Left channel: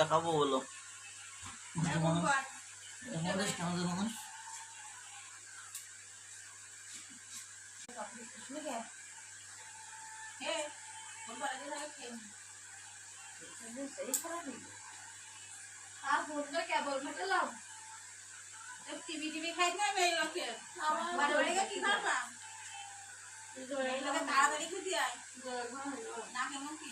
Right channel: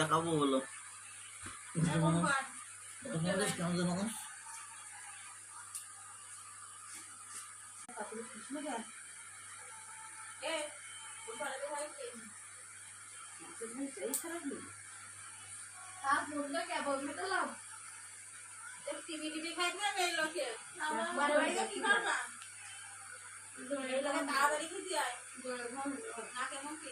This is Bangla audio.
দেখাবো বলো মানুষ টিভি টিভি খাই না এই লোকে বাড়ি বাড়ি কি করবা এই লোকে তাড়াতাড়ি খেতে আয় না কেমন কি